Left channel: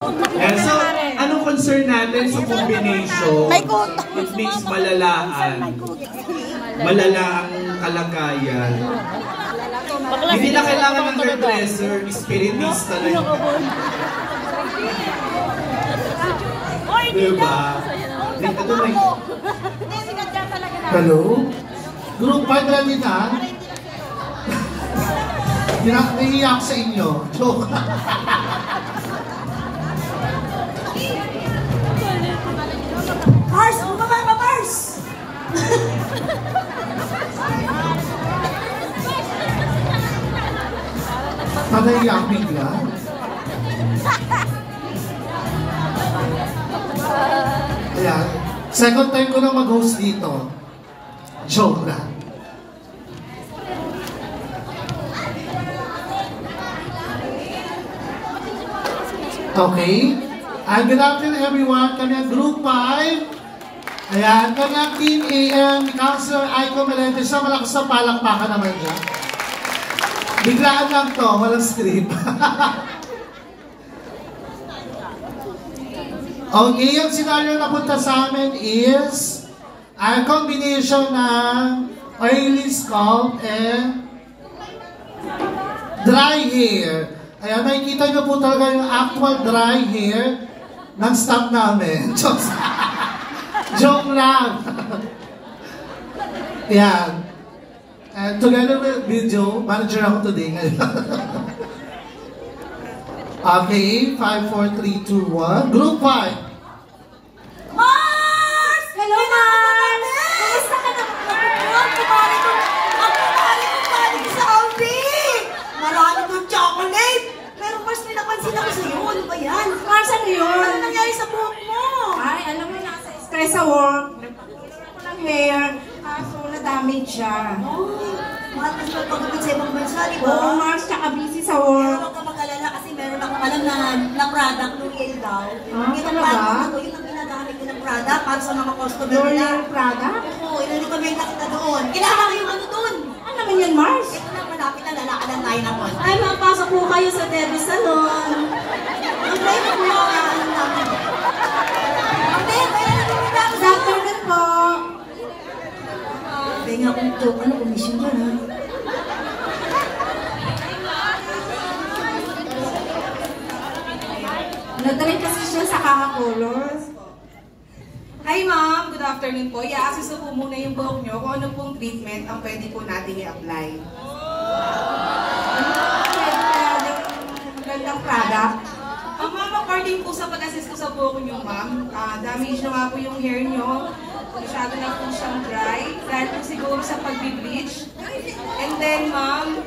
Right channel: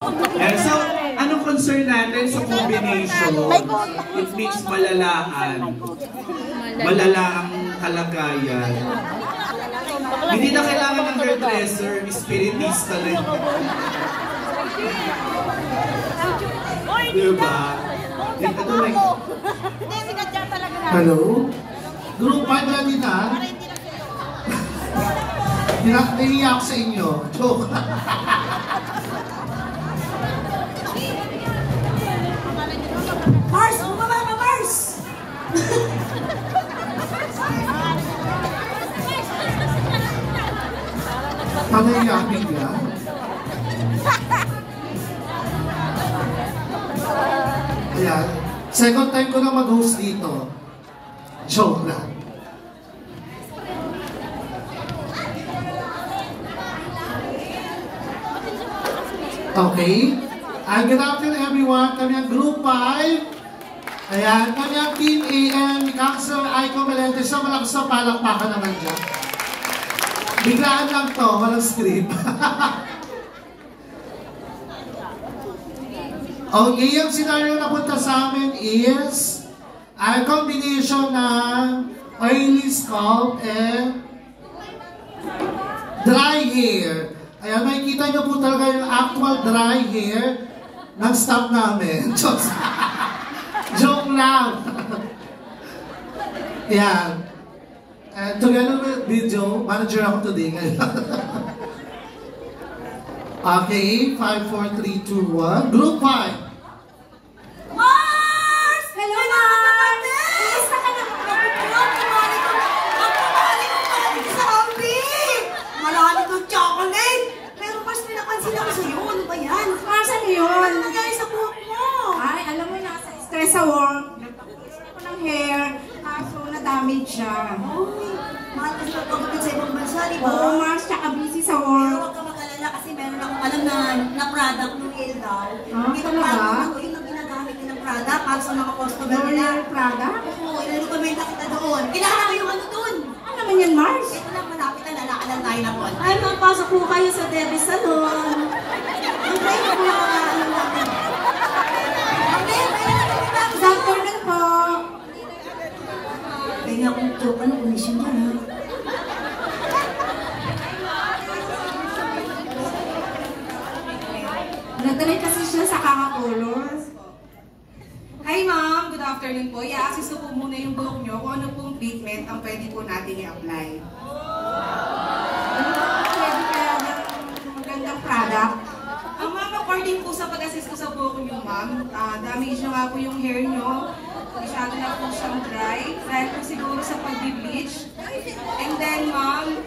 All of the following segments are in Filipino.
Yeah, so, anong concern natin sa combination? It means malalaan. Malalaang kalagayan. Hindi na kailangan ng hairdresser, spiritista rin. Diba? Hello? Group 5 yan din ha? Hindi ako sa inyo. Joke. Mars! Bumaba ka, Mars! Panaiyak bigla. Ayan. Second time ko na mag-host dito. Joke lang. Okay. Good afternoon everyone. Kami ang Group 5. Ayan. Kami ang Team AM ni Councilor Aiko Melendez. So malakas na palakpakan naman dyan. Biglaan lang to. Walang script. Okay. Ang scenario na punta sa amin is ang combination ng oily scalp and dry hair. Ayan, nakikita nyo po talaga yung actual dry hair ng staff namin. Joke lang. Ayan. And together with video, manager ako today ngayon. Okay, 5, 4, 3, 2, 1. Group 5. Mars! Hello, Mars! Kumusta ka na? Kumari sa Ambi! Marami kong chocolate! Pero Mars, may napansin ako sa'yo. Ano ba yan? Mars, ano yun? Ano nangyari sa buhok mo? Ay, alam mo na, stress sa work. Nagpapulis ako ng hair. Kaso, na-damage siya. Ay, mahal kasi magpagapit sa ibang bansa, di ba? Oo, Mars, tsaka busy sa work. Huwag ka mag-alala kasi meron akong alam na product ng L'Oreal daw. Kita mo ano, yun ang ginagamit din ng product para sa mga customer nila. L'Oreal product? Oo, yun yung kami nakita doon. Kailangan yung ano doon. Ano naman yan, Mars? Ito lang, malapit na lalakadan tayo na po. Ay, mapasok po kayo sa Debe Salon. Okay, na po yung ano namin. Okay, kaya na kami daw. Good afternoon po. Kaya akong joke, ano, commission doon, ha? Nagalit kasi siya sa kaka-colors. Hi ma'am, good afternoon po. I-assist po muna yung buhok nyo kung ano pong treatment ang pwede po natin i-apply. Magandang product. Ma'am, according po sa pag-assist ko sa buhok nyo ma'am, damage na nga po yung hair nyo. Masyado na po siyang dry. Dahil po siguro sa pag-bleach. And then ma'am,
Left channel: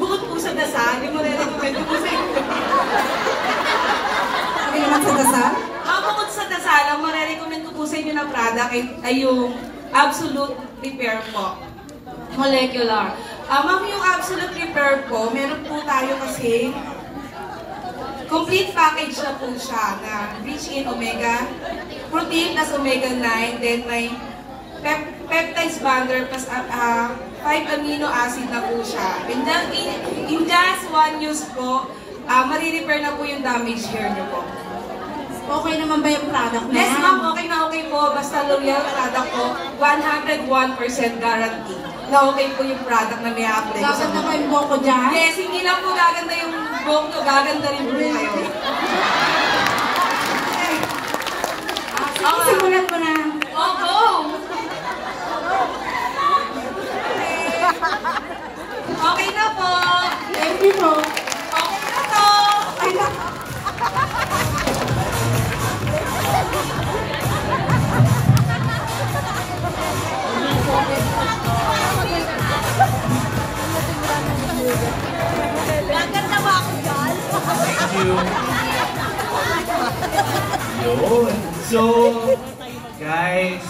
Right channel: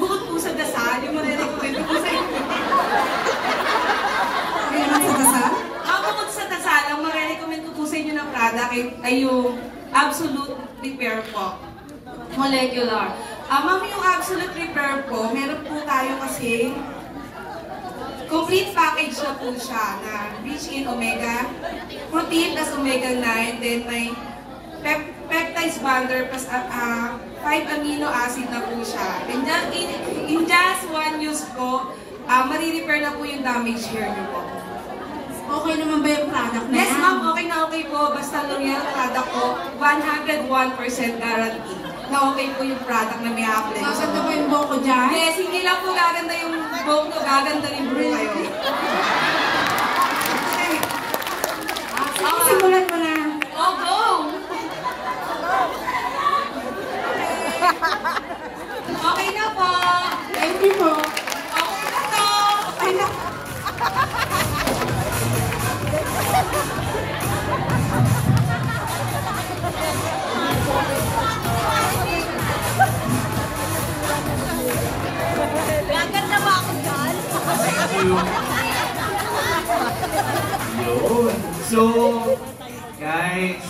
bukod po sa dasal, yung marirecommend po sa inyo. Ano naman sa dasal? Bukod sa dasal, ang marirecommend ko po sa inyo na product ay yung Absolute Repair po. Molecular. Ma'am, yung Absolute Repair po, meron po tayo kasi complete package na po siya na rich in omega, protein plus omega 9, then may peptides binder plus 5 amino acid na po siya. In just one use po, marirepair na po yung damaged hair niyo po. Okay naman ba yung product na Yes ma'am, okay na okay po. Basta L'Oreal product po, 101% guarantee na okay po yung product na may apply. Dapat na ba yung buhok ko dyan? Yes, hindi lang po gaganda yung buhok nyo, gaganda rin po kayo. Sige, simulan mo na. Oh, go! Okay na po. Thank you po. Okay na po. Ay, na. Gaganda ba ako dyan? Yun. So, guys,